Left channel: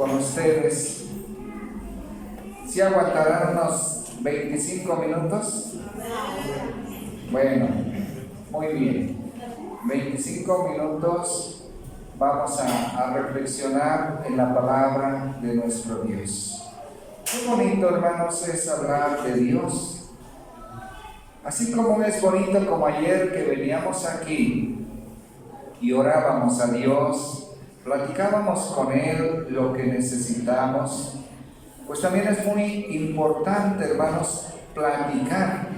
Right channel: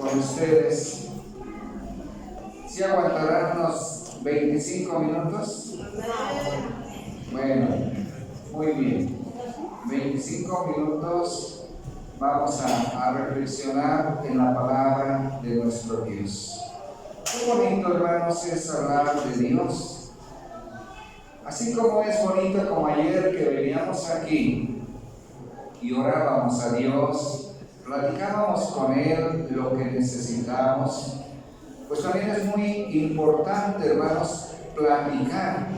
con ustedes. ¿Sí aguantarán unos 25 minutos? Bueno, muy bien. 25 minutos vamos a reflexionar en la palabra de nuestro Dios. Qué bonito, hermanos, es hablar de Dios. Así como es bonito como ayer que veníamos aquí y orábamos a Dios, platicábamos con Él lo que necesitamos, pues también es muy importante, hermanos, platicar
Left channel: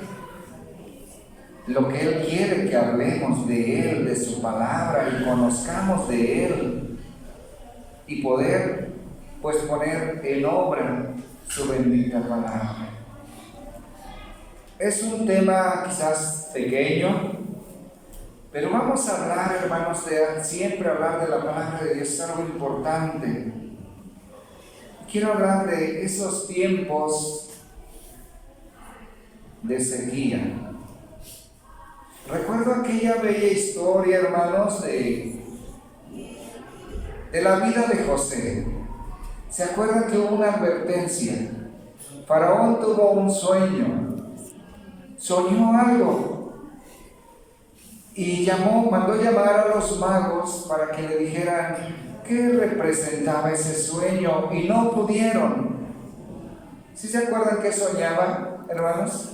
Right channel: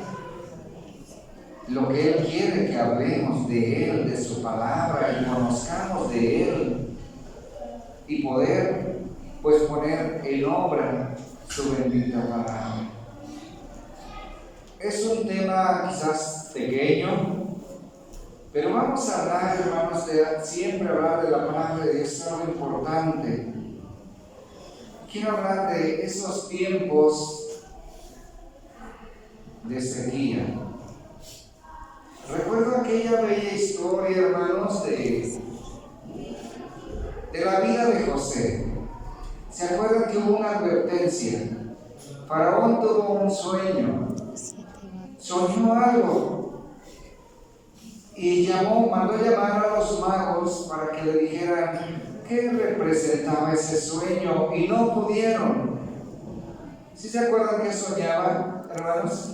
lo que Él quiere que hablemos de Él, de su palabra, y conozcamos de Él, y poder, pues, poner en obra su bendita palabra. Es un tema quizás pequeño, pero vamos a hablar, hermanos, de siempre hablar de la palabra de Dios, es algo importante. Quiero hablar de esos tiempos de sequía. Recuerdo aquella bella historia, hermanos, de la vida de José. ¿Se acuerdan que hubo una advertencia? Faraón tuvo un sueño, soñó algo y mandó llamar a los magos para que le dijeran qué representaba ese sueño, y no pudieron. ¿Sí se acuerdan qué soñaba, hermanos?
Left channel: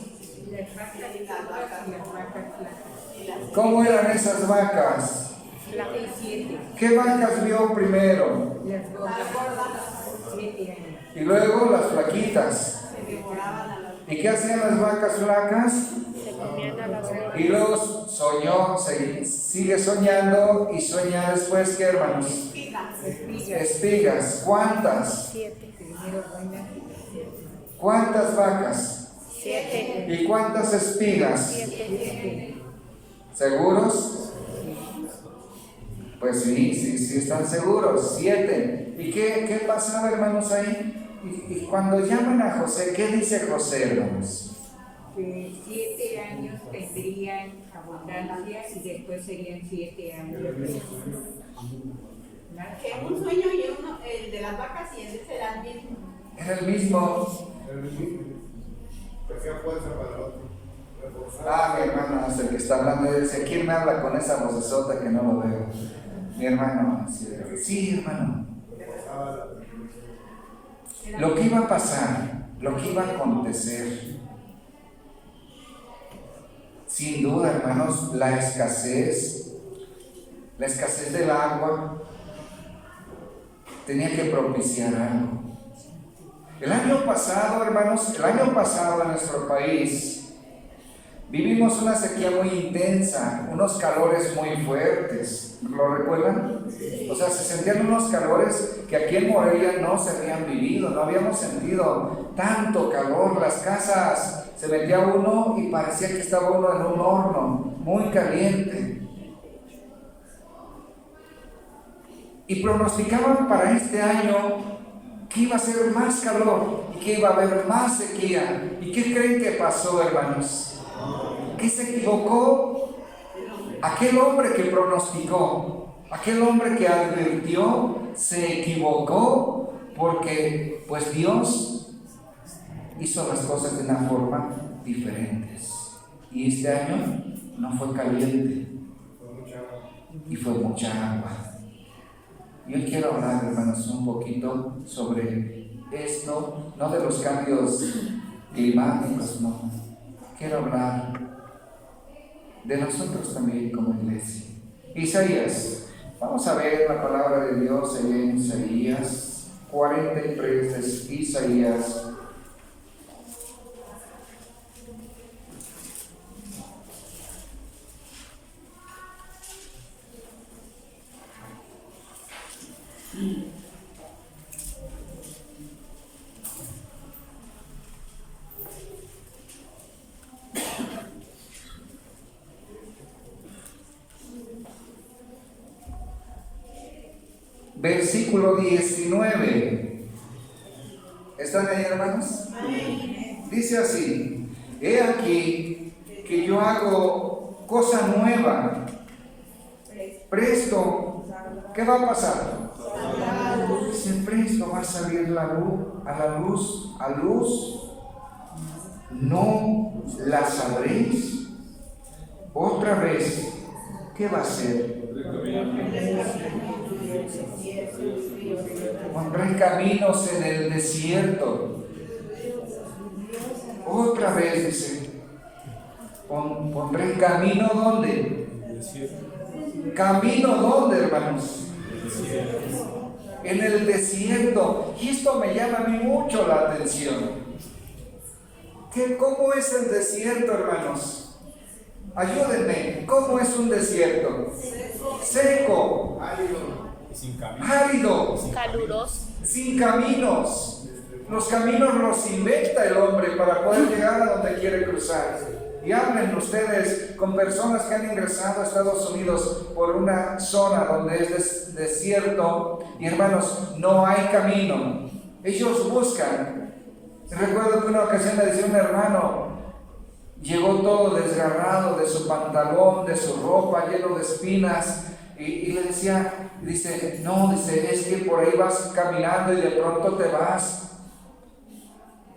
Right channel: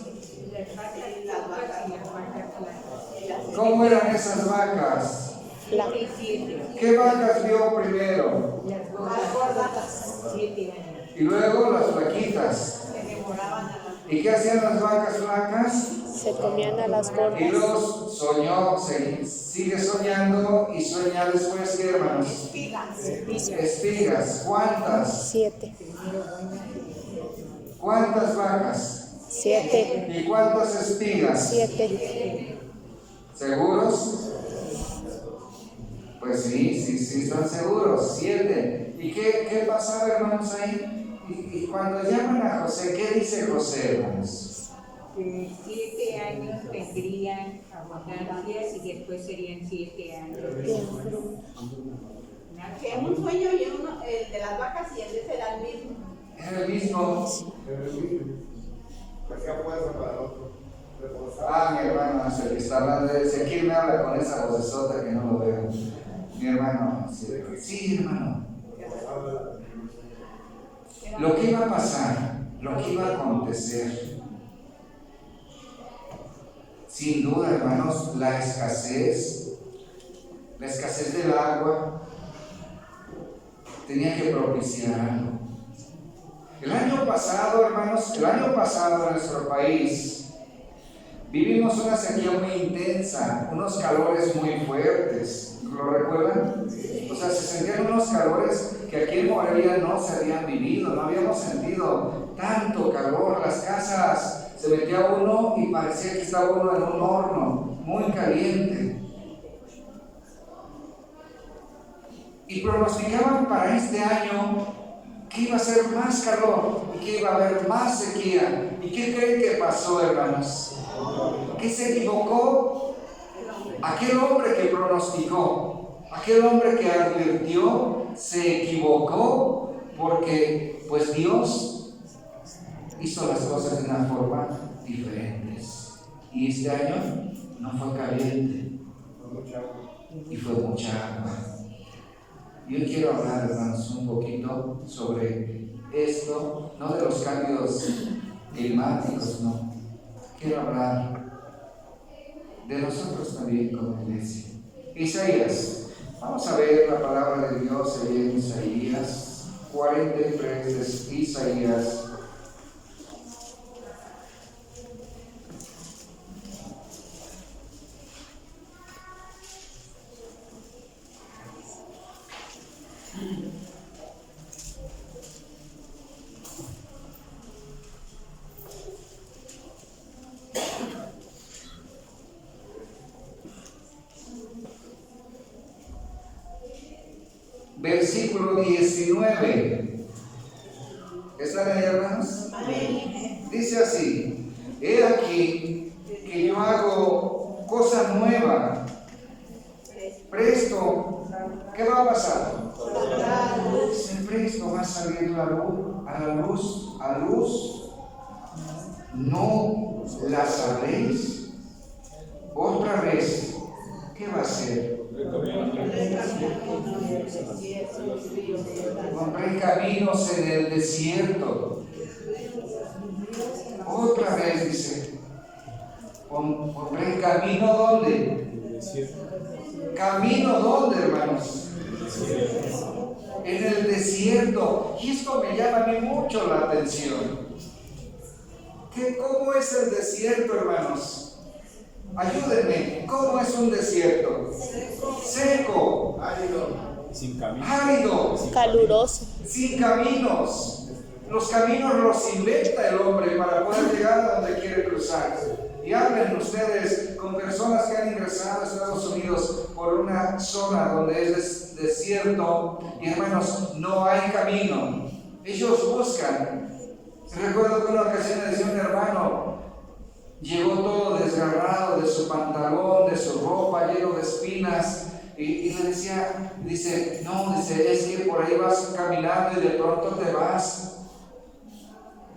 ¿Cómo eran esas vacas? ¿Qué vacas vio primero? Las gordas, 7 años. Y luego las flaquitas. ¿Y qué hacían las vacas flacas? Se comían a las gordas. Y luego sigue soñando y sueña después, ¿qué, hermanos? Espigas. ¿Cuántas? 7. ¿Cuántas vacas? 7. ¿Y cuántas espigas? 7. ¿Seguros? Pues sí, están seguros. 7. ¿Y qué pasaba, hermanos, ahí? Y cuando llaman a José, ¿qué dice José, hermanos? Que 7 años tendrían abundancia y después serían 7 años. Que un sueño y uno, el de las vacas y el de ese era el mismo. Era el mismo. Hacía fuerza para el otro. Mi hermano, no sé el que está hablando, dice, ¿quién me habla con esa vocesota que no lo veo? Mi hermano, sí, hermano. Lo que iba a pasar, lo que iba a acontecer, sin duda, hermanos, la escasez del agua tenía que propiciar algo. El año pasado, hermanos, en nuestro país vivimos una sequía muy intensa, unos calores muy fuertes. ¿Lo recuerdan? O sea, se sentían unos calores que aquí en Morelia no se habían vivido, no habíamos sentido tanto calor. Las casas se metía uno y parecía que estaba uno en un horno muy caliente. Y pronosticaban para este año que iba a ser más calor y que iba a haber más sequía. ¿Y qué creen que pasó, hermanos? ¿Qué se equivocó? Aquel hombre que pronosticó, aquel hombre que advirtió, se equivocó, porque pues Dios hizo las cosas de una forma diferentes. Y este año no fue caliente, y fue mucha agua. Yo quiero hablar, hermanos, un poquito sobre esto, no de los cambios climáticos, no. Quiero hablar de nosotros también como iglesia. Isaías, vamos a ver la palabra de Dios ahí en Isaías 43, es Isaías. Versículo 19. ¿Están ahí, hermanos? Dice así: he aquí que yo hago cosa nueva. Presto, ¿qué va a pasar? Dice, presto va a salir a luz, no la sabréis. Otra vez, ¿qué va a hacer? Pondré caminos en el desierto. Otra vez dice, pondré camino ¿dónde? ¿Camino dónde, hermanos? En el desierto. Y esto me llama a mí mucho la atención. ¿Cómo es el desierto, hermanos? Ayúdenme. ¿Cómo es un desierto? Seco, árido, Caluroso. sin caminos. Los caminos los inventa el hombre para poder llegar a donde quiere cruzar. Y hablen ustedes con personas que han ingresado a Estados Unidos por una zona donde es desierto y, hermanos, no hay camino. Ellos buscan. Recuerdo que una ocasión me decía un hermano, llegó todo desgarrado de su pantalón, de su ropa, lleno de espinas, y le decía, dice, es que por ahí vas caminando y de pronto te vas,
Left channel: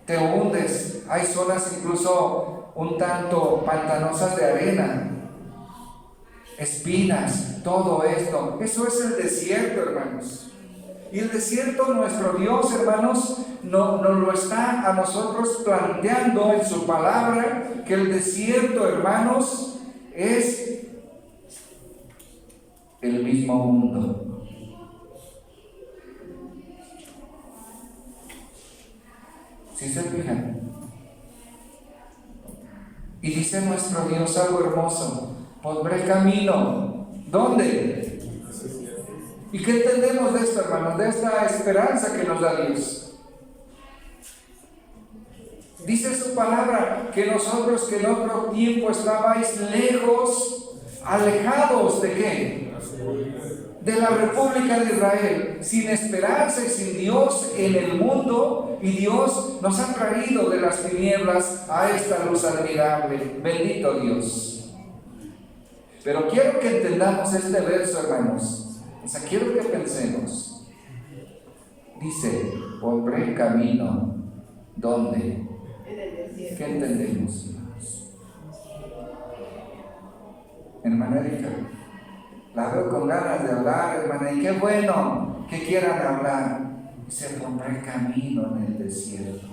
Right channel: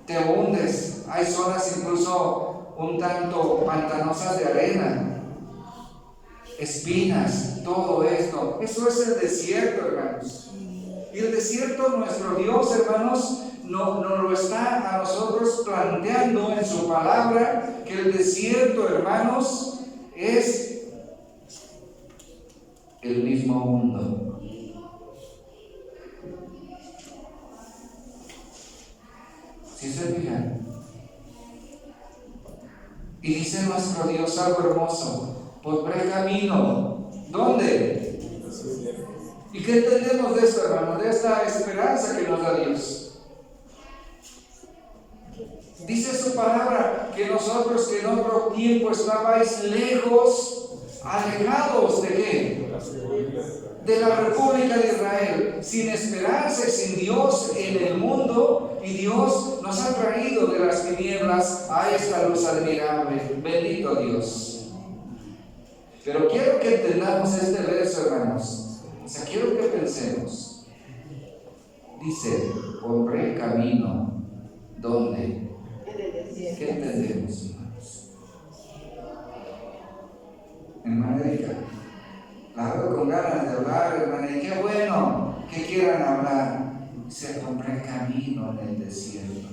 te hundes. Hay zonas incluso un tanto pantanosas de arena, espinas, todo esto. Eso es el desierto, hermanos. Y el desierto, nuestro Dios, hermanos, nos lo está a nosotros planteando en su palabra, que el desierto, hermanos, es el mismo mundo. ¿Sí se fijan? Y dice nuestro Dios algo hermoso: pondré camino. ¿Dónde? ¿Y qué entendemos de esto, hermanos? De esta esperanza que nos da Dios. Dice su palabra que nosotros que en otro tiempo estabais lejos, alejados ¿de qué? De la República de Israel, sin esperanza y sin Dios en el mundo, y Dios nos ha traído de las tinieblas a esta luz admirable. Bendito Dios. Pero quiero que entendamos este verso, hermanos. O sea, quiero que pensemos. Dice, pondré camino. ¿Dónde? ¿Qué entendemos, hermanos? Hermana Erika, la veo con ganas de hablar, hermana, y qué bueno que quieran hablar. Dice, pondré camino en el desierto.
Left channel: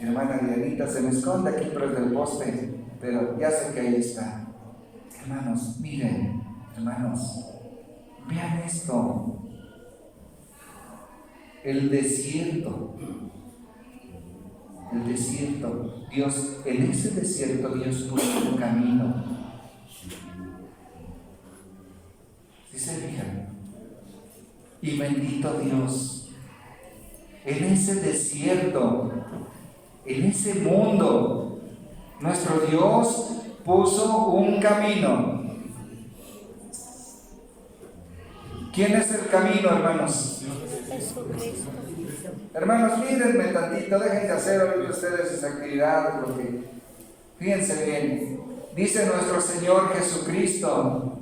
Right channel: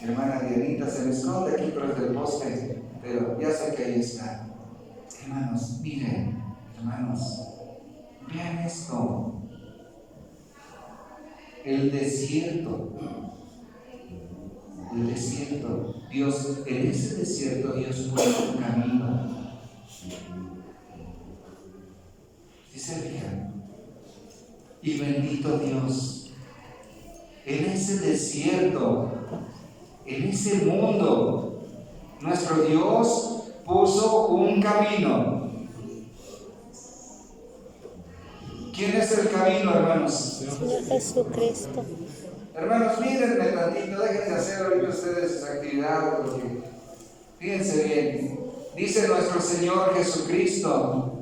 Hermana Dianita se me esconde aquí tras del poste, pero ya sé que ahí está. Hermanos, miren, hermanos, vean esto. El desierto. El desierto. Dios, en ese desierto Dios puso un camino. ¿Sí se fijan? Y bendito Dios, en ese desierto, en ese mundo, nuestro Dios puso un camino. ¿Quién es el camino, hermanos? Jesucristo. Hermanos, mírenme tantito, dejen de hacer ahorita ustedes sus actividades, porque fíjense bien, dice nuestro Señor Jesucristo:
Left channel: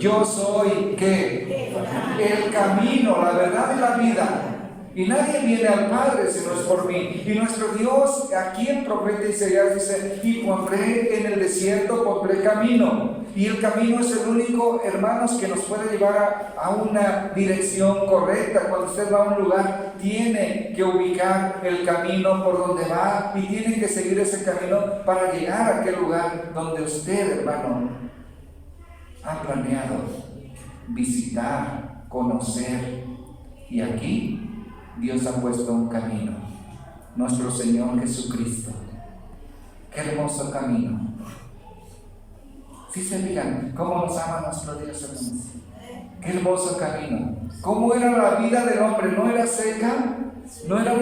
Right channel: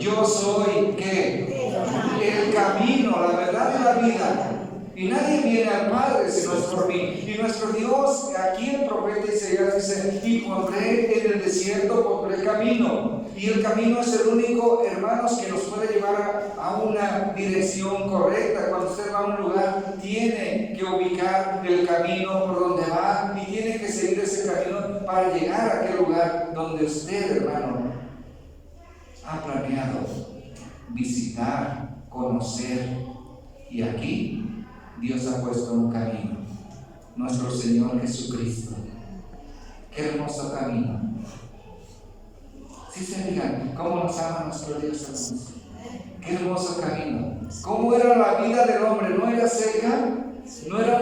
yo soy, ¿qué? El camino, la verdad y la vida. Y nadie viene al Padre si no es por mí. Y nuestro Dios, aquí el profeta Isaías dice: y pondré en el desierto, pondré camino. Y el camino es el único, hermanos, que nos puede llevar a una dirección correcta. Cuando usted va a un lugar, tiene que ubicar el camino por donde va y tiene que seguir ese camino para llegar a aquel lugar donde usted, hermano, ha planeado visitar, conocer. Y aquí Dios ha puesto un camino, nuestro Señor Jesucristo. Qué hermoso camino. ¿Sí se fijan cómo nos ama nuestro Dios, hermanos? Qué hermoso camino. ¿Cómo era la vida del hombre? ¿No era seca? ¿No era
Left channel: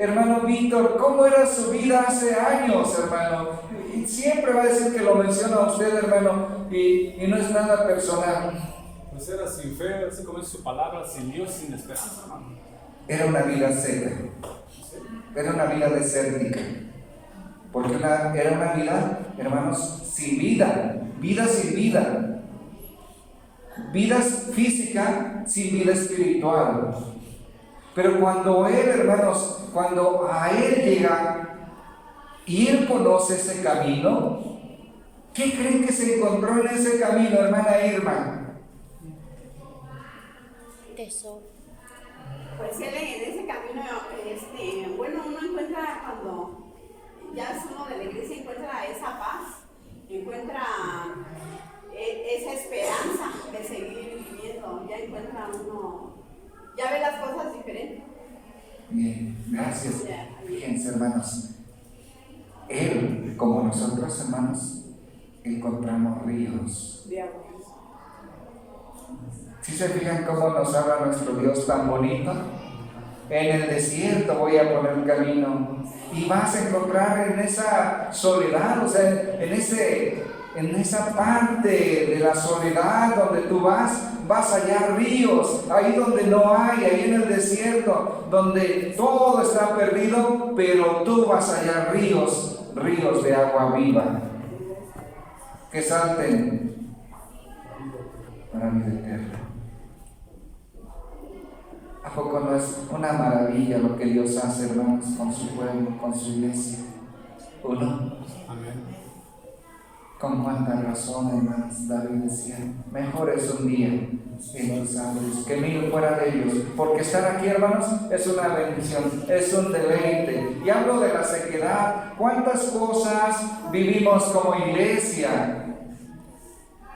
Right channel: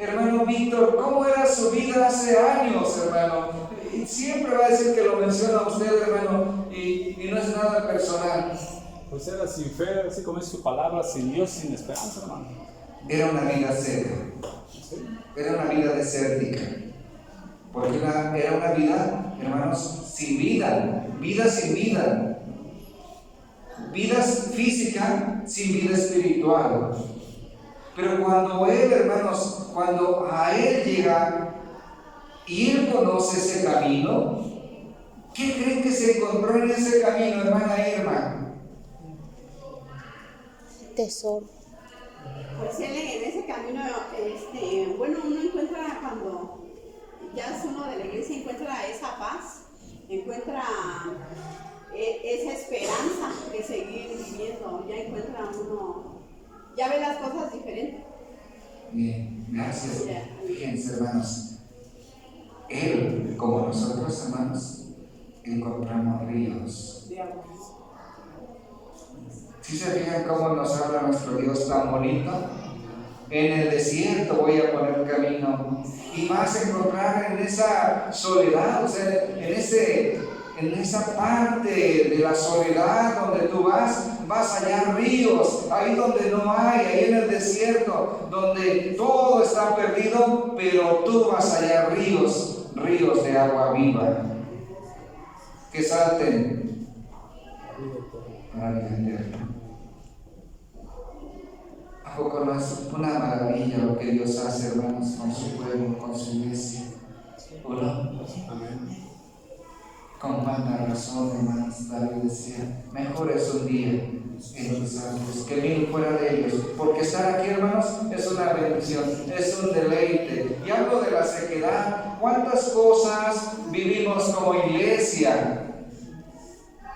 hermano Víctor? ¿Cómo era su vida hace años, hermano? Y siempre va a decir que lo menciona a usted, hermano, y no es nada personal. Pues era sin fe, así como es su palabra, sin Dios, sin esperanza, hermano. Era una vida seca, era una vida desértica, porque era una vida, hermanos, sin vida sin vida, vida física sin vida espiritual. Pero cuando él, hermanos, cuando a él llega y él conoce ese camino, ¿qué creen que se encontró en ese camino, hermana Irma? Tesoro. Pues él en ese camino, bueno, uno encuentra cuando ya es uno de la iglesia, encuentra esa paz, encuentra esa esperanza de seguir viviendo, ya encuentra uno, ya ve las cosas diferentes. Bien, gracias. Fíjense, hermanos, él, como nosotros, hermanos, encontramos ríos. De agua. ¿Sí se fijan cómo nos habla nuestro Dios tan bonito? En el desierto voy a poner camino, y vas a encontrar en esa soledad, o sea, en esa parte de la soledad donde tú vas a hallar ríos, ahí donde no hay, ahí en el desierto, donde todo está perdido, pero tú vas a hallar ríos de agua viva, que salten para vida eterna. ¿A poco no es una maravilla lo que Dios hace, hermanos, con su pueblo, con su iglesia? ¿O no? Amén. Con cuánta razón, hermanos, David decía, mejor es un día en tus años que 1000 fuera de ellos, porque estar aquí, hermanos, es una bendición, es un deleite. Y hablo de la sequedad. ¿Cuántas cosas vivimos como iglesia?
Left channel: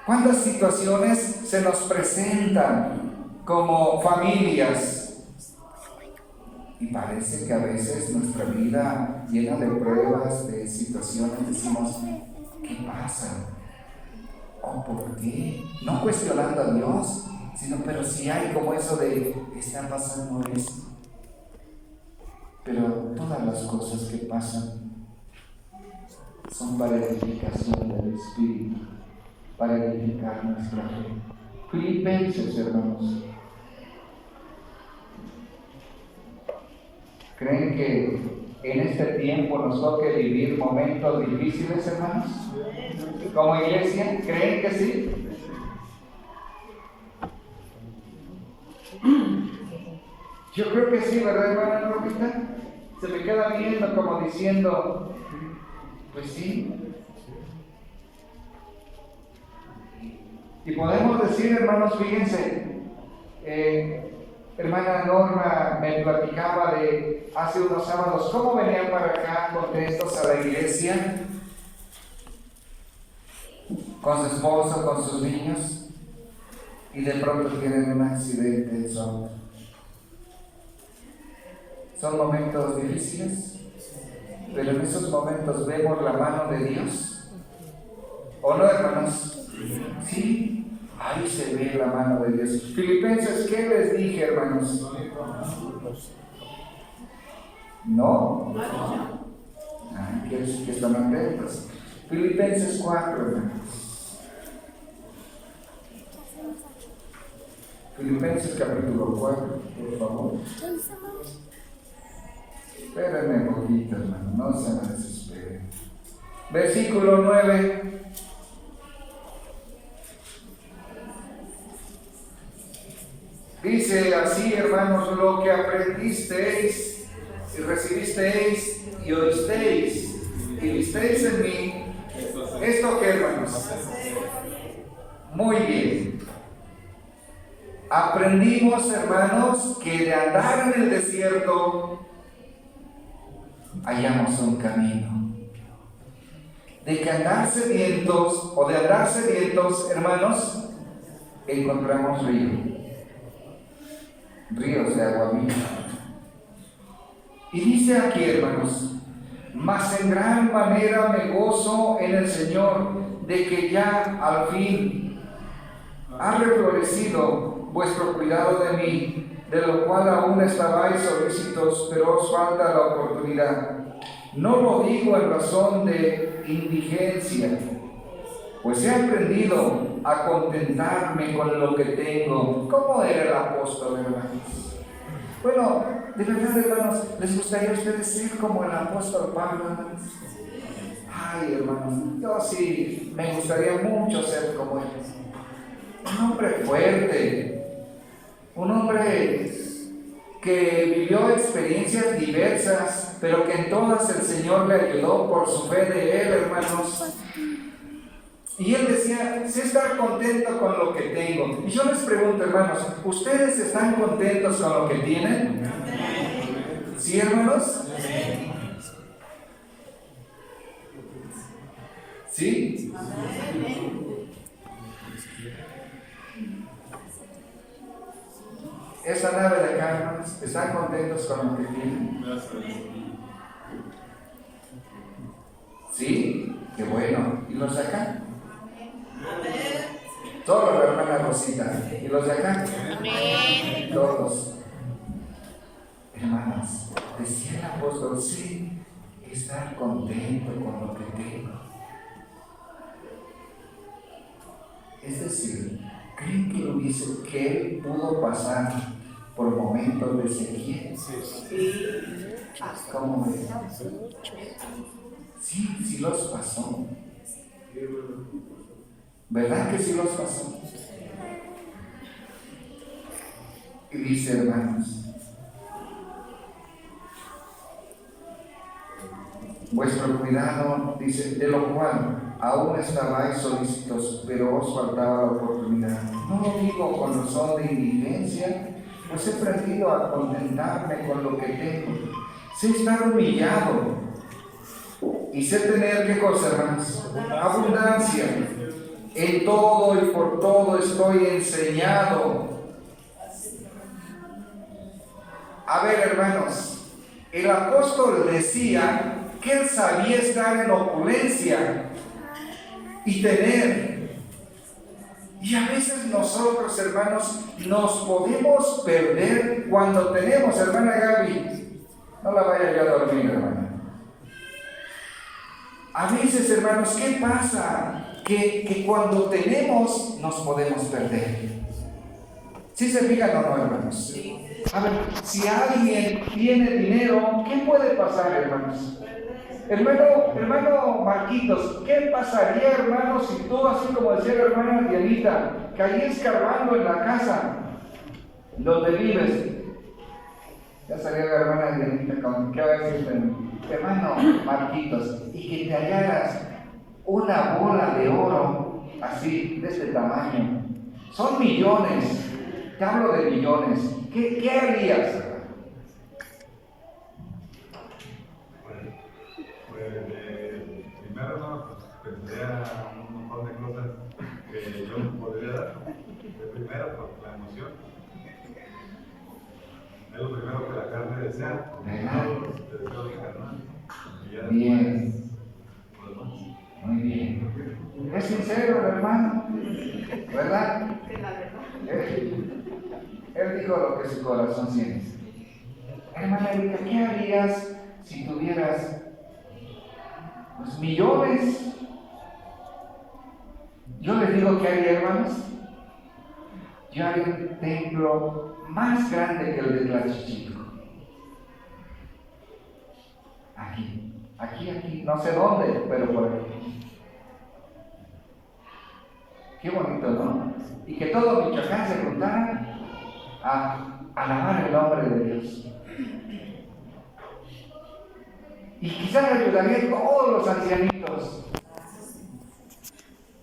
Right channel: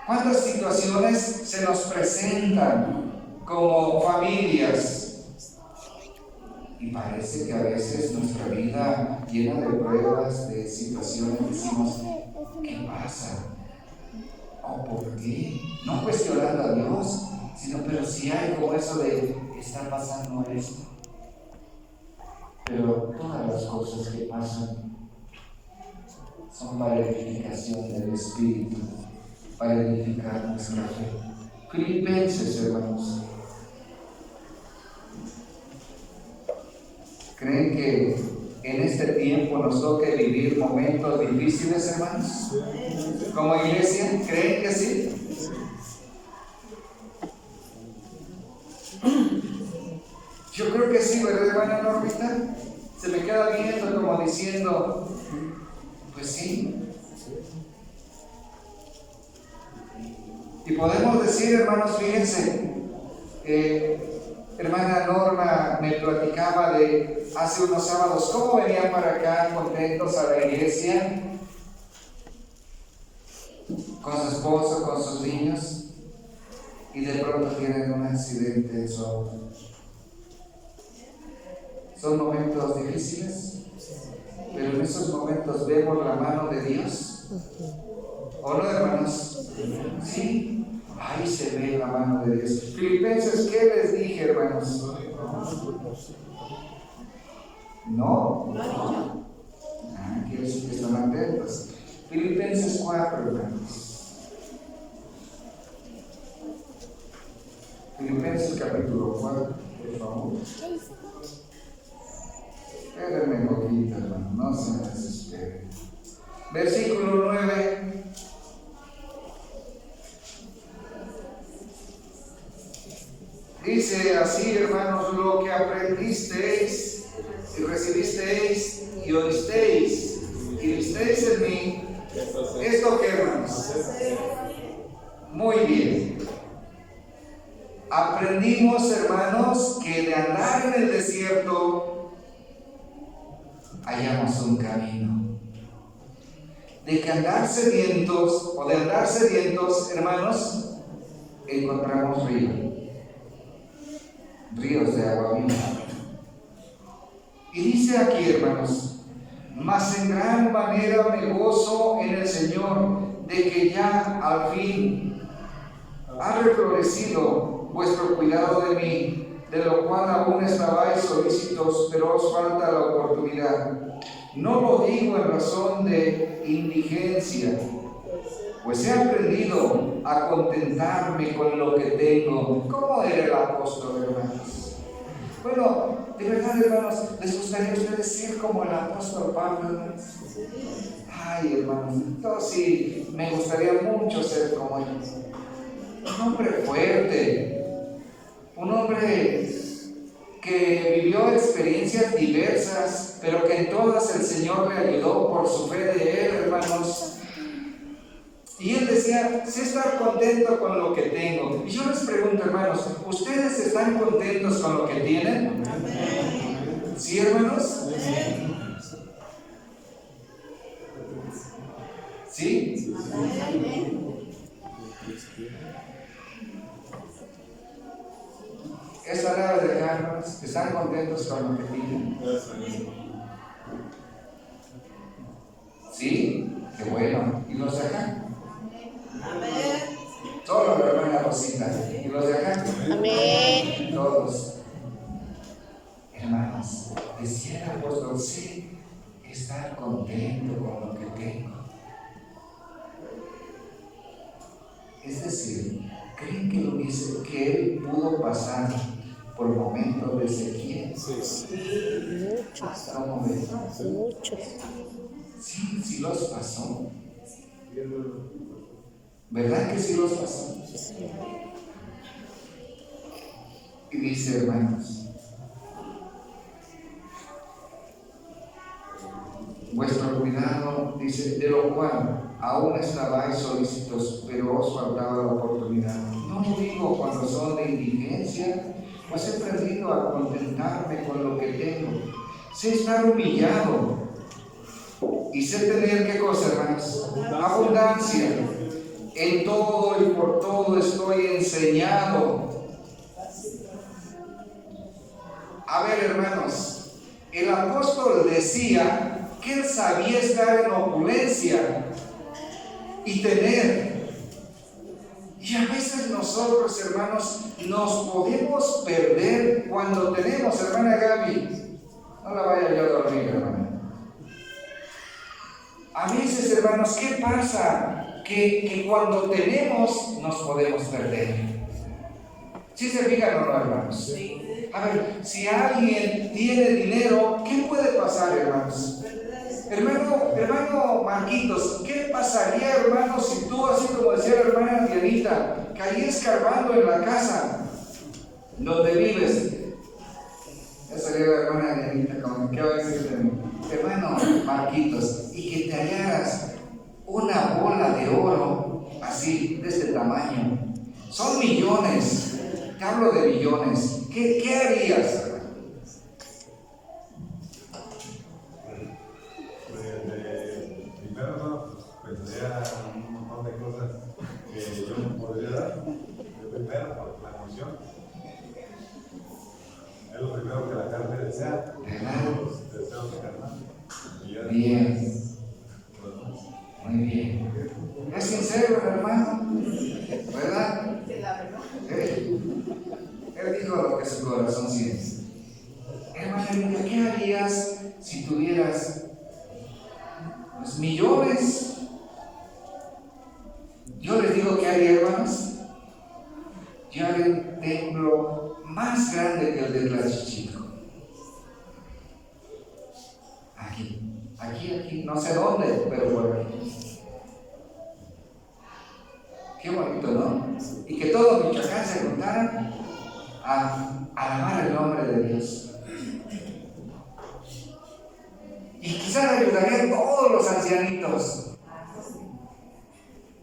¿Cuántas situaciones se nos presentan como familias? Y parece que a veces nuestra vida llena de pruebas, de situaciones, decimos, ¿qué pasa? ¿O por qué? No cuestionando a Dios, sino, pero si hay como eso de, está pasando esto. Pero todas las cosas que pasan son para edificación del Espíritu, para edificar nuestra fe. Filipenses, hermanos. ¿Creen que en este tiempo nos toque vivir momentos difíciles, hermanos? Como iglesia, ¿creen que sí? Yo creo que sí, ¿verdad, hermana Normita? Se me queda viendo como diciendo, pues sí. Y podemos decir, hermanos, fíjense, hermana Norma me platicaba de hace unos sábados cómo venían para acá contentos a la iglesia, con su esposo, con sus niños, y de pronto tienen un accidente de su auto. Son momentos difíciles, pero en esos momentos vemos la mano de Dios. ¿O no, hermanos? Sí, ahí se ve la mano de Dios. Filipenses, ¿qué les dije, hermanos? ¿No? Quiero decir que están atentos. Filipenses 4, hermanos. Filipenses capítulo 4, por favor. Espérenme un poquito, hermano, no se me desesperen. Versículo 9. Dice así, hermanos, lo que aprendisteis y recibisteis y oísteis y visteis en mí. ¿Esto qué, hermanos? Muy bien. Aprendimos, hermanos, que de andar en el desierto hallamos un camino. De que andar sedientos o de andar sedientos, hermanos, encontramos ríos de agua viva. Y dice aquí, hermanos, mas en gran manera me gozo en el Señor de que ya al fin ha reflorecido vuestro cuidado de mí, de lo cual aún estabais solícitos, pero os falta la oportunidad. No lo digo en razón de indigencia, pues he aprendido a contentarme con lo que tengo. ¿Cómo era el apóstol, hermanos? Bueno, de verdad, hermanos, ¿les gustaría a ustedes ser como el apóstol Pablo, hermanos? Ay, hermanos, yo sí me gustaría mucho ser como él. Un hombre fuerte, un hombre que vivió experiencias diversas, pero que en todas el Señor le ayudó por su fe de él, hermanos. Y él decía, sí estar contento con lo que tengo. Y yo les pregunto, hermanos, ¿ustedes están contentos con lo que tienen? ¿Sí, hermanos? ¿Sí? Esta nave de acá, hermanos, ¿están contentos con lo que tienen? ¿Sí? Qué bueno. ¿Y los de acá? Solo la hermana Rosita. ¿Y los de acá? Amén. Todos. Hermanos, decía el apóstol, sí, estar contento con lo que tengo. Es decir, ¿creen que él pudo pasar por momentos de sequía? ¿Cómo ves? Muchos. Sí, sí los pasó. ¿Verdad que sí los pasó? Y dice, hermanos, vuestro cuidado, dice, de lo cual aún estabais solícitos, pero os faltaba la oportunidad. No lo digo con razón de indigencia, pues he aprendido a contentarme con lo que tengo. Sé estar humillado y sé tener, ¿qué cosa, hermanos? Abundancia. En todo y por todo estoy enseñado. A ver, hermanos, el apóstol decía que él sabía estar en opulencia y tener. Y a veces nosotros, hermanos, nos podemos perder cuando tenemos, hermana Gaby. No la vaya ya a dormir, hermana. A veces, hermanos, ¿qué pasa? Que cuando tenemos nos podemos perder. ¿Sí se fijan o no, hermanos? A ver, si alguien tiene dinero, ¿qué puede pasar, hermanos? Hermano Marquitos, ¿qué pasaría, hermano, si tú, así como decía la hermana Dianita, caías escarbando en la casa donde vives? Ya salió la hermana Dianita, ¿qué va a decir de mí? Hermano Marquitos, y que te hallaras una bola de oro así, de este tamaño. Son millones, te hablo de millones. ¿Qué harías, hermano? Primero no, pues pensaría un montón de cosas que yo podría dar. Primero, por la emoción. Es lo primero que la carne desea. Los deseos carnales. Bien. Muy bien. Es sincero el hermano, ¿verdad? Él dijo lo que su corazón siente. Hermana, ¿qué harías si tuvieras los millones? Yo les digo qué haría, hermanos. Yo haría un templo más grande que el de Tlaxchico. Aquí, no sé dónde, pero por aquí. Qué bonito, ¿no? Y que todo Michoacán se juntara a alabar el nombre de Dios. Y quizás ayudaría a todos los ancianitos.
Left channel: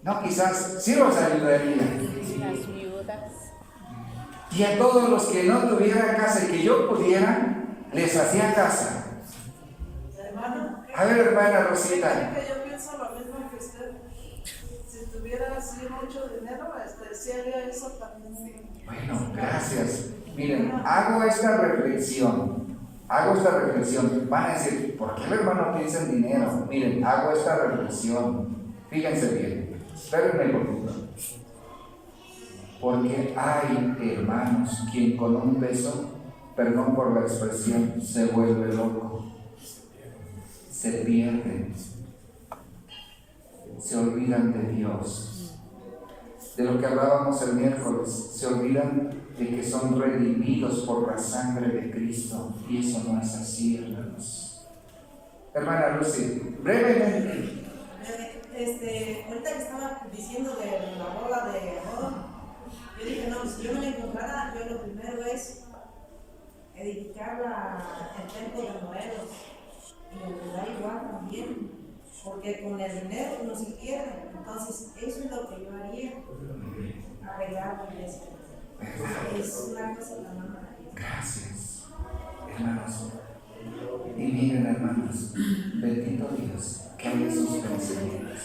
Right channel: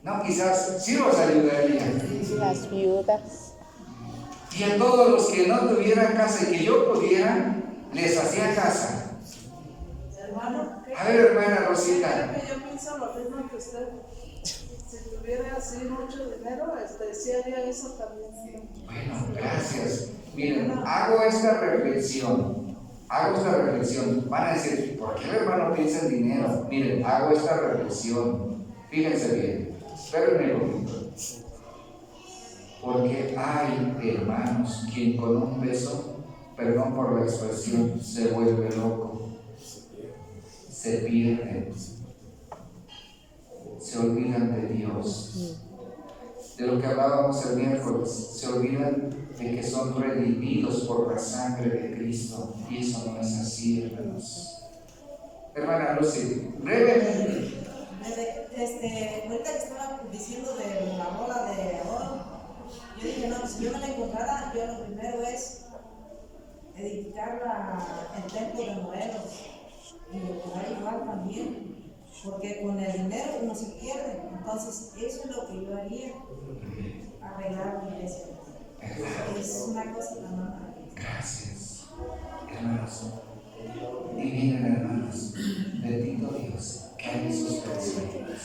No, quizás sí los ayudaría. Las viudas. Y a todos los que no tuvieran casa y que yo pudiera, les hacía casa. Hermano, A ver, hermana Rosita. yo pienso lo mismo que usted. Si tuviera así mucho dinero, sí haría eso también. Bueno, gracias. Miren, hago esta reflexión. Van a decir, ¿por qué el hermano piensa en dinero? Miren, hago esta reflexión. Fíjense bien. Espérenme un poquito. Porque hay hermanos quien con un peso, perdón por la expresión, se vuelve loco. Se pierden. Se olvidan de Dios. De lo que hablábamos el miércoles, se olvidan de que son redimidos por la sangre de Cristo. Y eso no es así, hermanos. Hermana Lucy, brevemente. Ahorita que estaba diciendo de la bola de oro, yo dije, no, si yo no me encontrara, yo lo primero es edificar el templo de Morelos. Y da igual también, porque con el dinero no se pierde. Entonces, eso es lo que yo haría, arreglar la iglesia. Es una cosa tan maravillosa. Gracias, hermanos. Y miren, hermanos, bendito Dios, que hay sus pensamientos.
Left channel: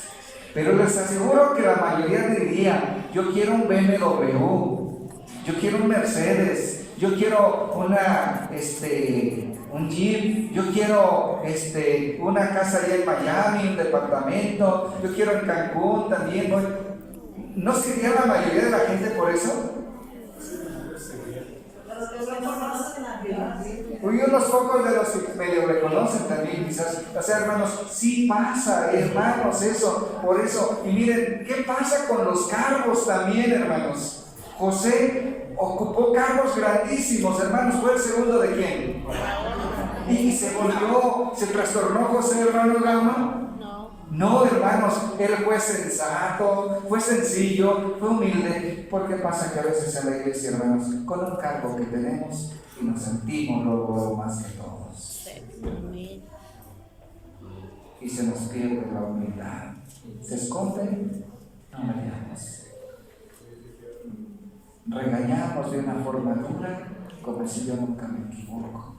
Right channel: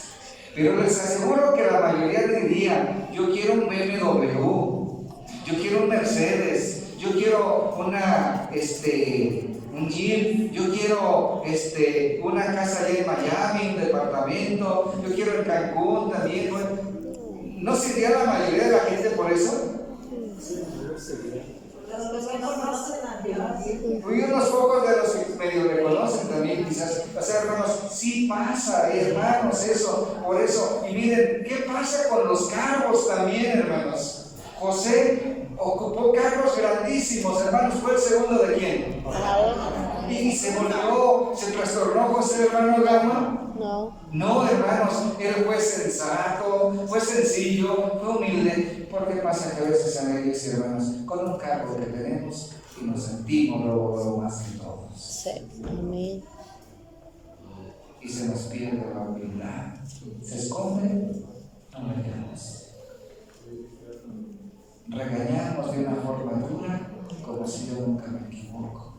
Pero les aseguro que la mayoría diría: yo quiero un BMW, yo quiero un Mercedes, yo quiero un Jeep, yo quiero una casa allá en Miami, un departamento, yo quiero en Cancún también. ¿No sería la mayoría de la gente por eso? Los que no conocen a Dios. Y unos pocos de los que medio reconocen también, quizás. O sea, hermanos, sí pasa, hermanos, eso, por eso. Y miren, ¿qué pasa con los cargos también, hermanos? José ocupó cargos grandísimos, hermanos. ¿Fue el segundo de quién? Y se trastornó José, hermano Gama. No, hermanos, él fue sensato, fue sencillo, fue humilde. ¿Por qué pasa que a veces en la iglesia, hermanos, con un cargo que tenemos y nos sentimos lo más que todos? Sí, amén. Y se nos pierde la humildad. Se esconde, no miramos. Regañamos de una forma dura, como si yo nunca me equivoco.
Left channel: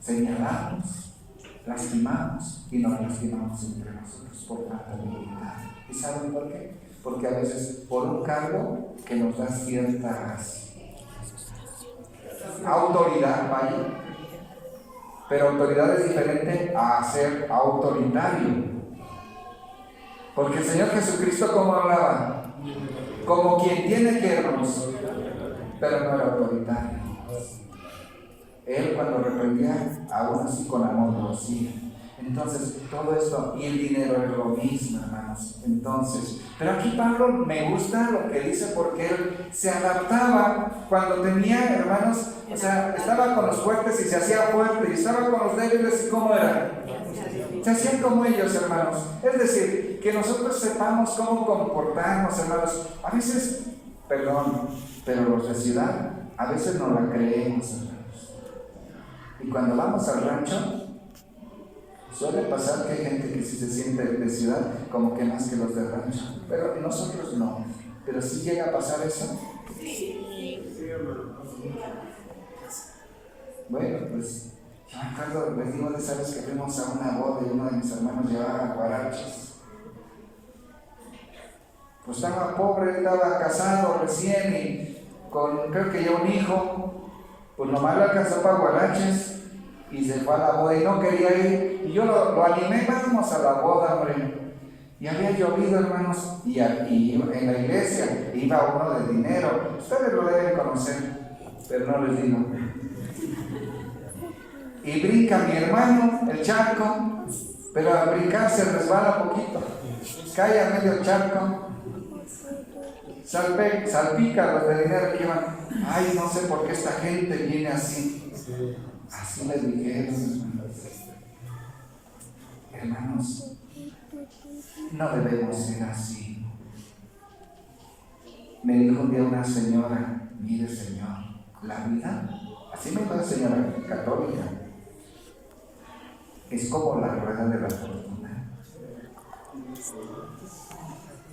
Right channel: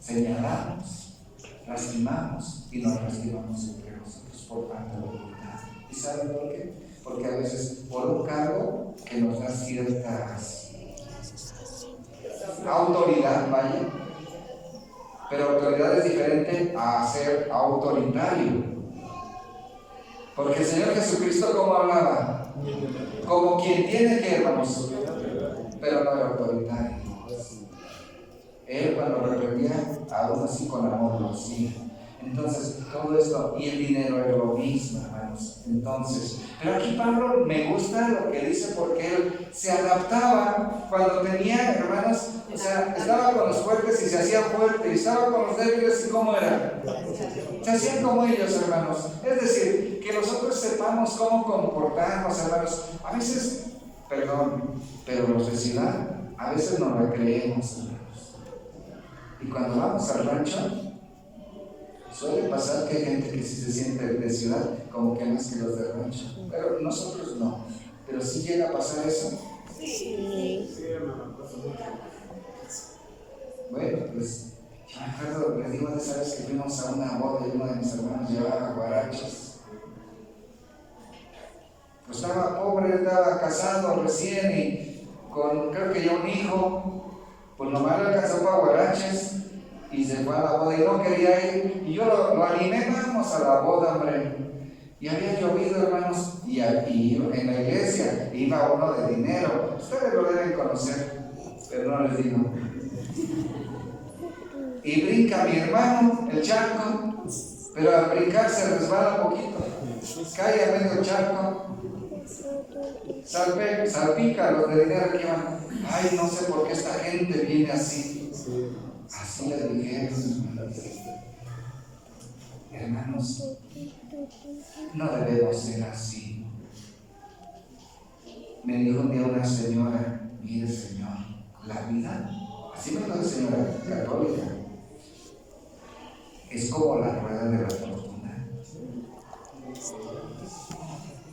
Señalamos, lastimamos y nos lastimamos entre nosotros por tanta debilidad. ¿Y saben por qué? Porque a veces por un cargo que nos da ciertas autoridad, vaya, pero autoridad es diferente a ser autoritario. Porque el Señor Jesucristo, ¿cómo hablaba? Como quien tiene que, hermanos, pero no era autoritario. Él, cuando reprendía, aún así con amor lo hacía. Entonces, todo esto, y el dinero era lo mismo, hermanos. Entonces, pero aquí Pablo me gusta lo que dice, porque él se adaptaba cuando tenía, hermanos, o sea, estaba con los fuertes y se hacía fuerte, y estaba con los débiles, ¿y cómo era? Se hacían como ellos, hermanos. Es decir, que nosotros sepamos cómo comportarnos, hermanos. A veces, perdón, pero los de ciudad, a veces no la creemos, hermanos. Y cuando vamos al rancho, suele pasar que hay gente que sí se siente de ciudad como que más que los de rancho, pero nosotros no. Pero sí llega a pasar eso. Sí. Bueno, pues yo me acuerdo, les digo de esa vez que fuimos a una boda y uno de mis hermanos llevaba guaraches. Pues estaba pobre, estaba casado recién y con creo que ya un hijo, pues nomás le alcanzó para guaraches y se fue a la boda y no quería ir. Y yo lo animé, vamos a la boda, hombre. Y había llovido, hermanos, y en la iglesia iba uno de dinero. Ustedes lo deben conocer, pero no les digo. Y brinca mi hermano el charco, pero al brincar se resbala un poquito, cae a medio charco, salpica a los de dinero que iban. Ay, no sé por qué esta gente viene así. Así les dijeron, hermanos, no debemos ser así. Me dijo un día una señora: mire, señor, la vida, así me dijo señora católica, es como la rueda de la fortuna.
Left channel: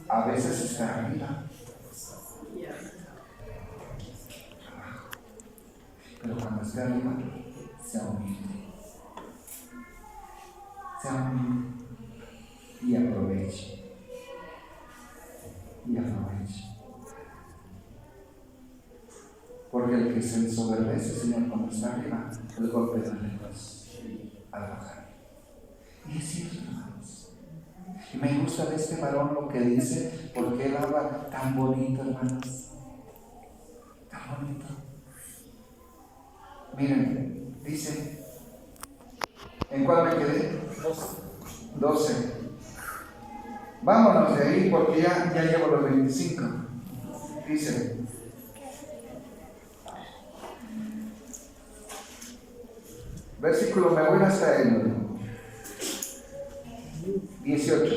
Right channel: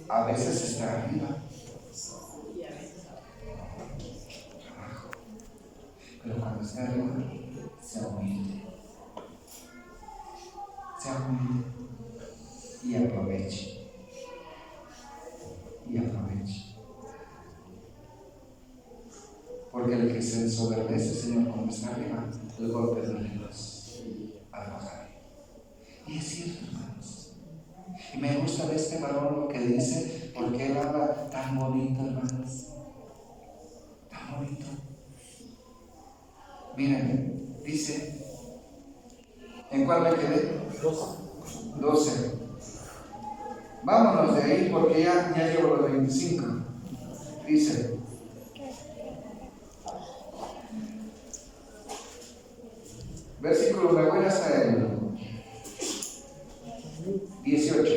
A veces está arriba, abajo, pero cuando está arriba, sea humilde y aproveche. Porque el que se ensoberbece, Señor, cuando está arriba, el golpe duele al bajar. Y es cierto, hermanos. Y me gusta de este varón lo que dice, porque él habla tan bonito, hermanos. Tan bonito. Miren, dice, ¿en cuál me quedé? 12. Vámonos de ahí porque ya llevo los 25. Dice, versículo, me voy hasta el 18.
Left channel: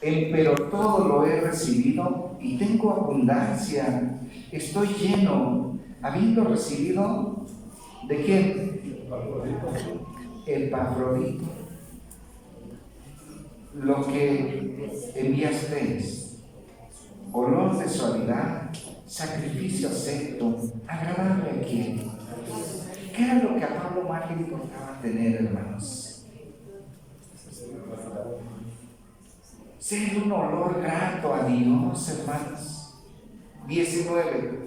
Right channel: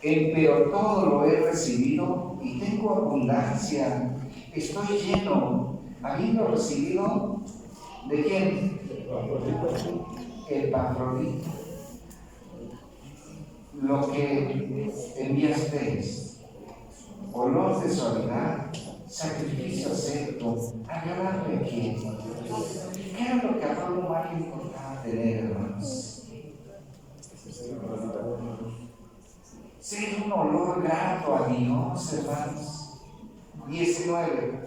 Pero todo lo he recibido y tengo abundancia. Estoy lleno, a habiendo recibido, ¿de quién? Epafrodito. Lo que enviasteis, olor de suavidad, sacrificio acepto, agradable a quién. ¿Qué era lo que a Pablo más le importaba tener, hermanos? Ser un olor grato a Dios, hermanos. 19.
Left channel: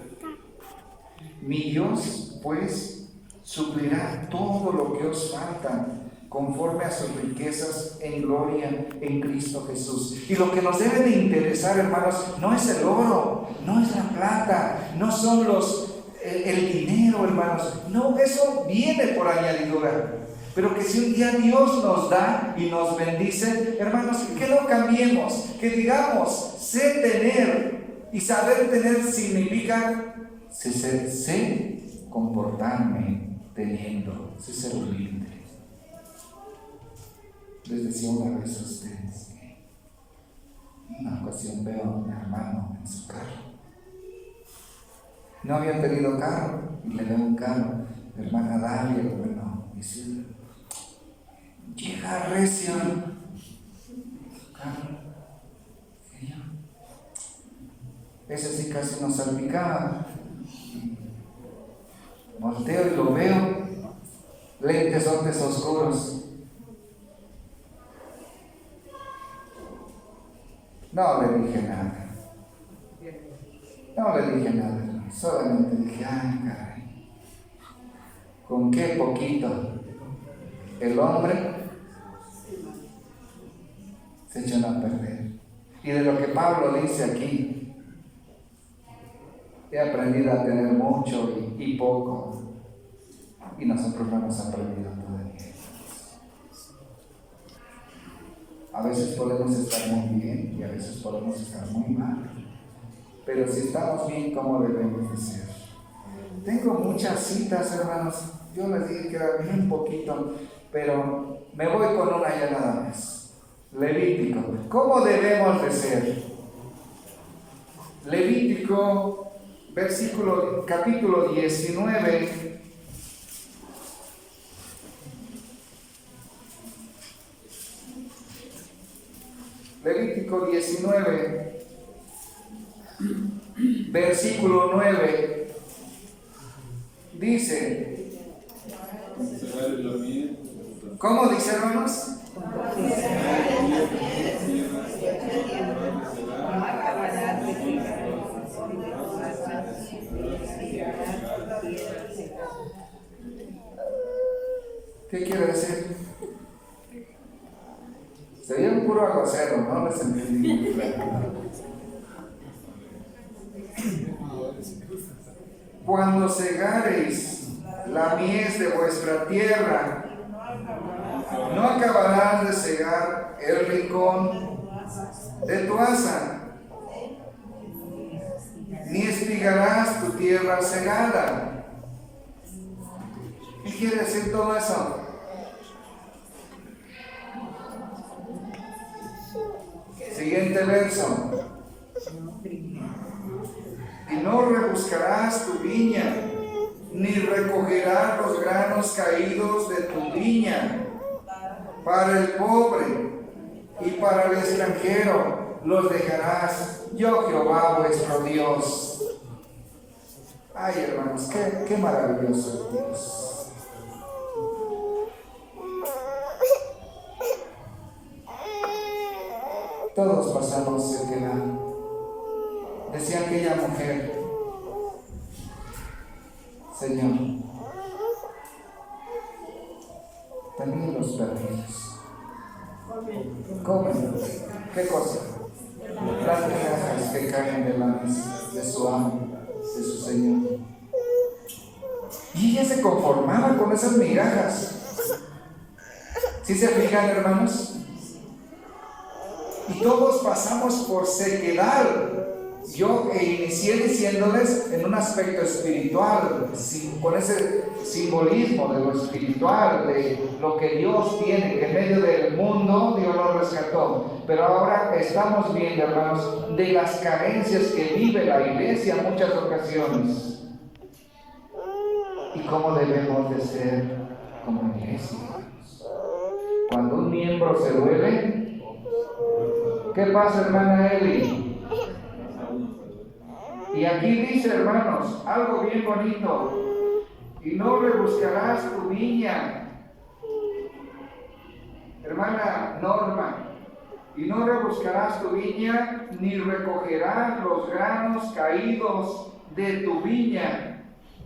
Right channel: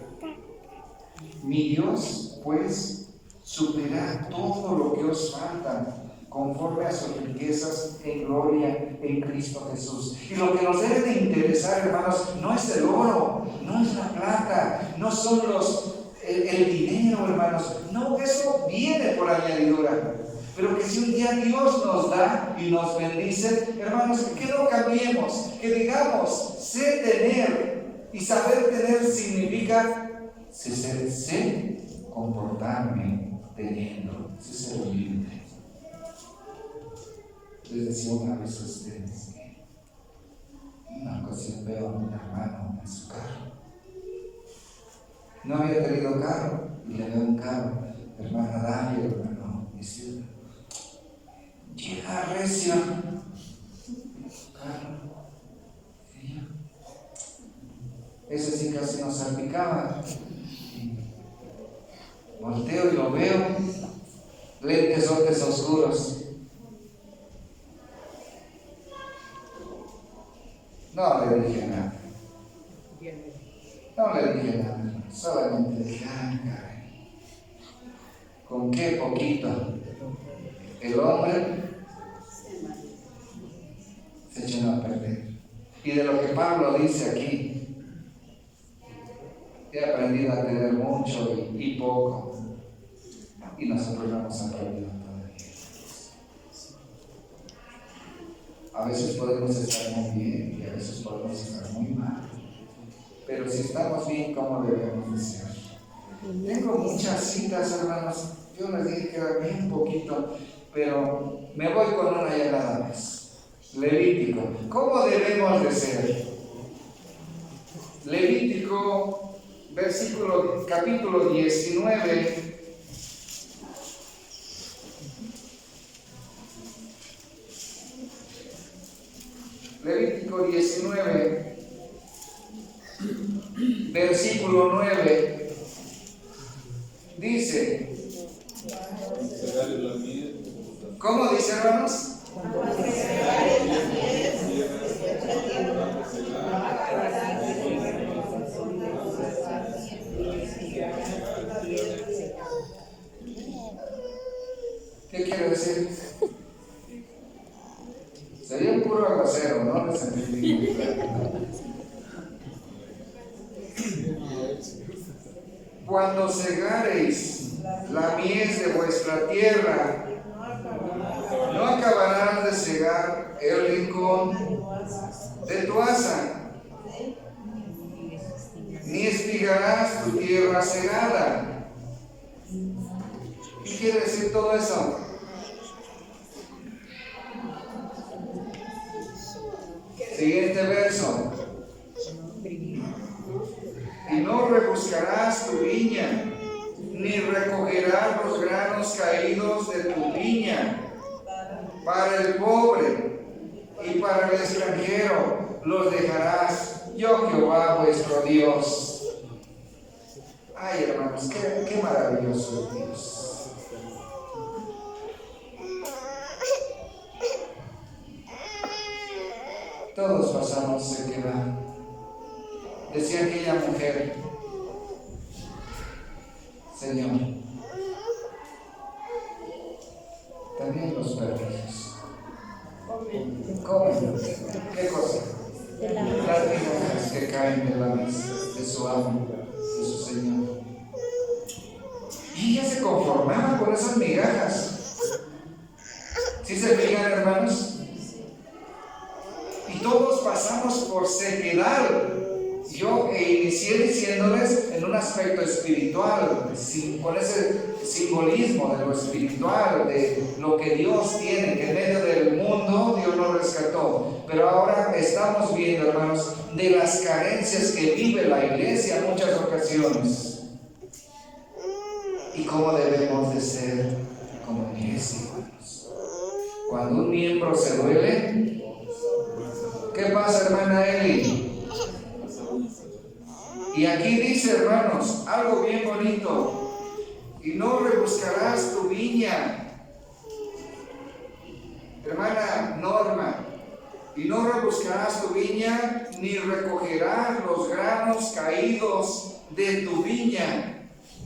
Mi Dios, pues, suplirá todo lo que os falta, conforme a sus riquezas en gloria en Cristo Jesús. Y lo que nos debe de interesar, hermanos, no es el oro, no es la plata, no son el dinero, hermanos. No, eso viene por añadidura. Pero que si un día Dios nos da y nos bendice, hermanos, que no cambiemos, que digamos, sé tener, y saber tener significa sé comportarme teniendo, sé ser humilde. Les decía una vez a ustedes que en una ocasión veo a mi hermano en su carro. No había tenido carro y le veo un carro, hermana Dalia, hermano Isidro. Llega recio su carro. Y yo, ese sí casi nos salpicaba. Volteo y lo veo, lentes oscuros. No le dije nada. Solamente dije, caray, con qué poquito el hombre se echan a perder. Y de lo que Pablo dice aquí, he aprendido a tener mucho y poco, y nosotros no hemos aprendido todavía. A veces podemos estar muy bien y a veces podemos estar muy mal, pero si estamos bien, ¿cómo debemos de ser? Tengo muchas citas, hermanos. Yo les dije que era bien poquito, pero me voy con una ya nada más. Levítico. ¿Cómo debemos de ser? Levítico, capítulo 19. Levítico 19, versículo 9, dice, ¿cómo dice, hermanos? ¿Qué quiere decir? Sería un puro aguacero, ¿no? Les entendí muy claro. Cuando segareis la mies de vuestra tierra, no acabarás de segar el rincón de tu asa, ni espigarás tu tierra segada. ¿Qué quiere decir todo eso? Siguiente verso. Y no rebuscarás tu viña, ni recogerás los granos caídos de tu viña. Para el pobre y para el extranjero los dejarás, yo Jehová vuestro Dios. Ay, hermanos, qué maravilloso es Dios. Todos pasamos sequedad. Decía aquella mujer, Señor, también los perrillos comen. ¿Qué cosa? Las migajas que caen de la mesa de su amo, de su Señor. Y ella se conformaba con esas migajas. ¿Sí se fijan, hermanos? Y todos pasamos por sequedad. Yo inicié diciéndoles en un aspecto espiritual, con ese simbolismo de lo espiritual, de lo que Dios tiene, que en medio del mundo Dios lo rescató. Pero ahora estamos viendo, hermanos, de las carencias que vive la iglesia en muchas ocasiones. y cómo debemos de ser como iglesia. Cuando un miembro se duele, ¿qué pasa, hermana Eli? Y aquí dice, hermanos, algo bien bonito: y no rebuscarás tu viña. Hermana Norma, y no rebuscarás tu viña, ni recogerás los granos caídos de tu viña.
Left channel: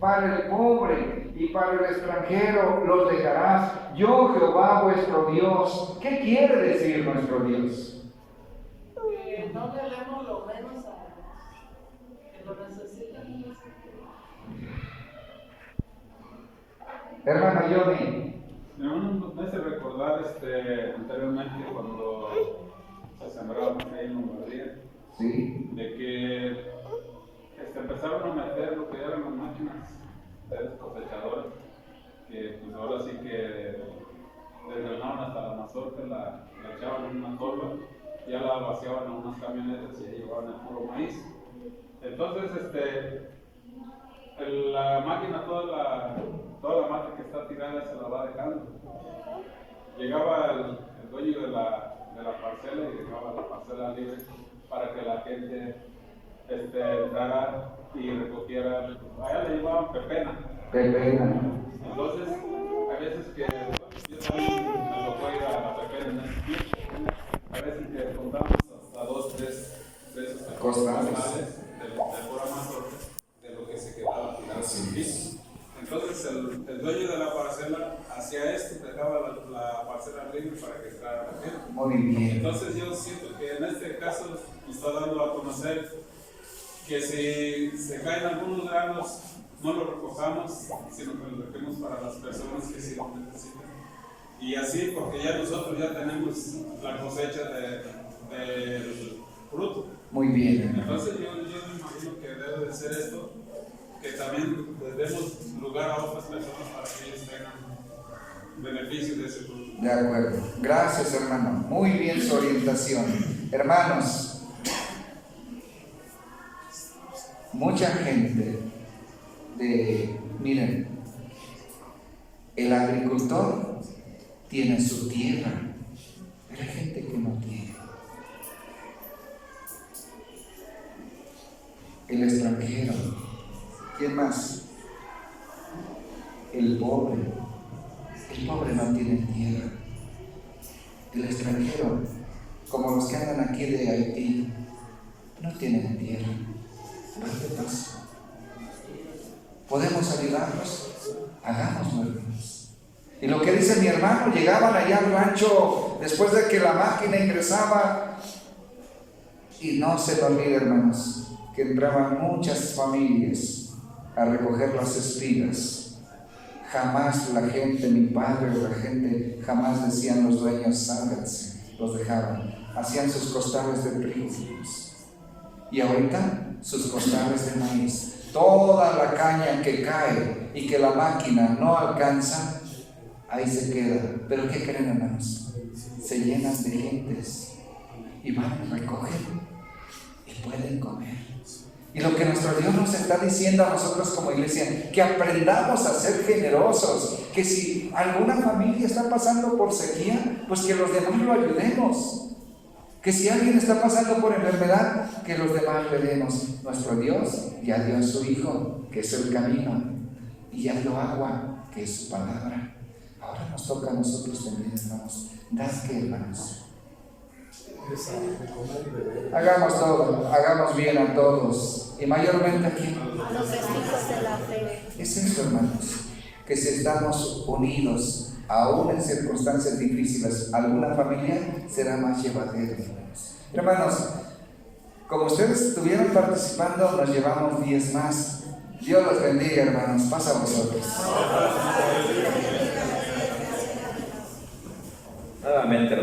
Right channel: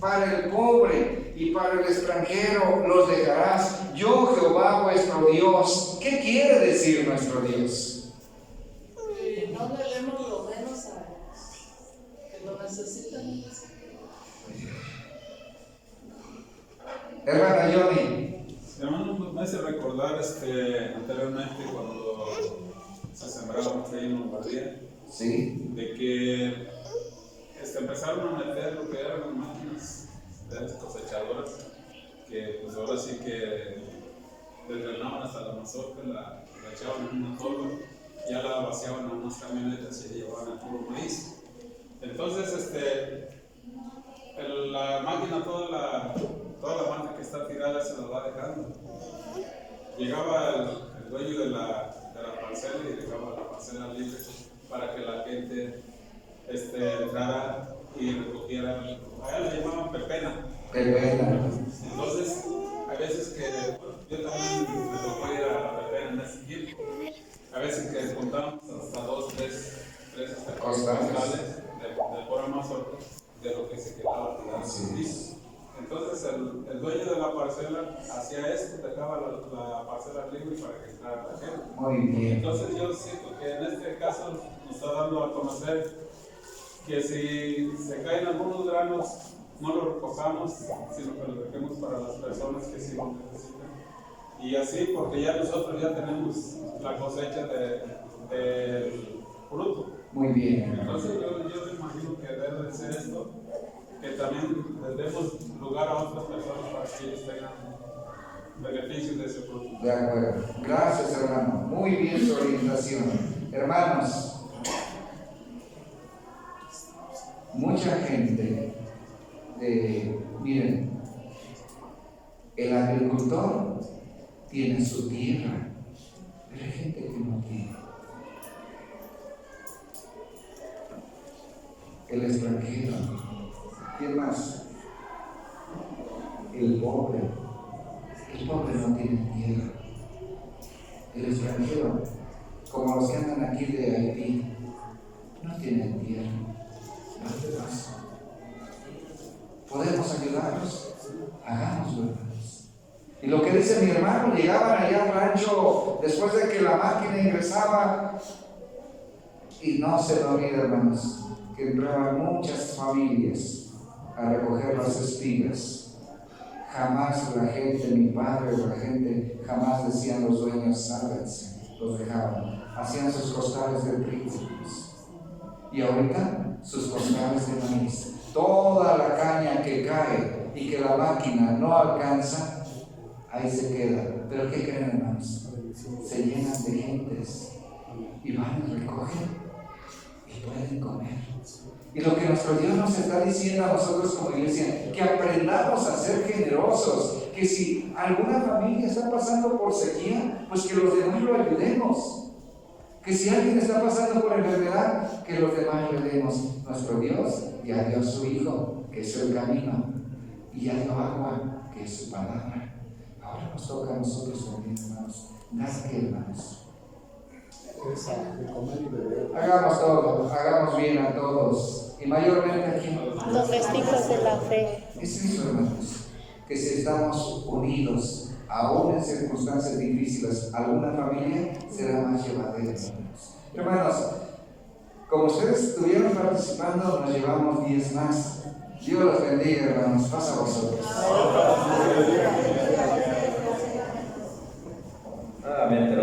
Para el pobre y para el extranjero los dejarás. Yo, Jehová vuestro Dios. ¿Qué quiere decir nuestro Dios? No le demos lo menos a ellos, que lo necesitan. Hermana Johnny. Hermano, me hace recordar anteriormente cuando se sembraba mucho ahí en Lombardía, Sí. de que empezaron a meter lo que eran las máquinas cosechadoras, que pues ahora sí que desgranaban hasta la mazorca, la echaban en una torre, ya la vaciaban en unas camionetas y llevaban el puro maíz. Entonces, la máquina, toda la mata que está tirada se la va dejando. Llegaba el dueño de la parcela y dejaba la parcela libre para que la gente entrara y recogiera. Allá le llamaban pepena. Entonces, hay veces que yo también me tocó ir a la pepena en ese tiempo. A veces que contábamos hasta 2, 3 costales de pura mazorca de lo que se quedaba tirado sin piso. Entonces el dueño de la parcela hacía esto, dejaba la parcela libre para que entrara la gente. Muy bien. Entonces yo siento que en este caso nos está dando a conocer que si se caen algunos granos, no los recojamos, sino que los dejemos para las personas que sí lo necesitan. Y así, porque ya nosotros ya tenemos la cosecha del fruto. Muy bien. Entonces yo me imagino que debe de ser esto, que también les demos lugar a otras personas para que ellos tengan beneficio de ese fruto. De acuerdo. Gracias, hermano. Muy bien su orientación. Hermanos, mucha gente miren, el agricultor tiene su tierra, pero hay gente que no tiene. El extranjero, ¿quién más? El pobre no tiene tierra. El extranjero, como los que andan aquí de Haití, no tienen tierra. ¿Qué pasa? ¿Podemos ayudarlos? Hagámoslo, hermanos. Y lo que dice mi hermano, llegaban allá al rancho después de que la máquina ingresaba, y no se lo olvide, hermanos, que entraban muchas familias a recoger las espigas. Jamás la gente, mi padre o la gente, jamás decían los dueños, sálganse, los dejaban. Hacían sus costales de trigo. Y ahorita sus costales de maíz. Toda la caña que cae y que la máquina no alcanza, ahí se queda. Pero ¿qué creen, hermanos? Se llenan de gentes y van y recogen y pueden comer. Y lo que nuestro Dios nos está diciendo a nosotros como iglesia, que aprendamos a ser generosos, que si alguna familia está pasando por sequía, pues que los demás lo ayudemos. Que si alguien está pasando por enfermedad, que los demás le demos. Nuestro Dios ya dio a su Hijo, que es el camino, y ya dio agua, que es su palabra. Ahora nos toca a nosotros también, hermanos. ¿Das qué, hermanos? Hagamos todo, hagamos bien a todos, y mayormente aquí. Domésticos de la fe. Es eso, hermanos, que si estamos unidos, aún en circunstancias difíciles, alguna familia será más llevadera. Hermanos, como ustedes estuvieron participando, nos llevamos 10 más. Dios los bendiga, hermanos. Pasa a vosotros. Nuevamente, hermanos.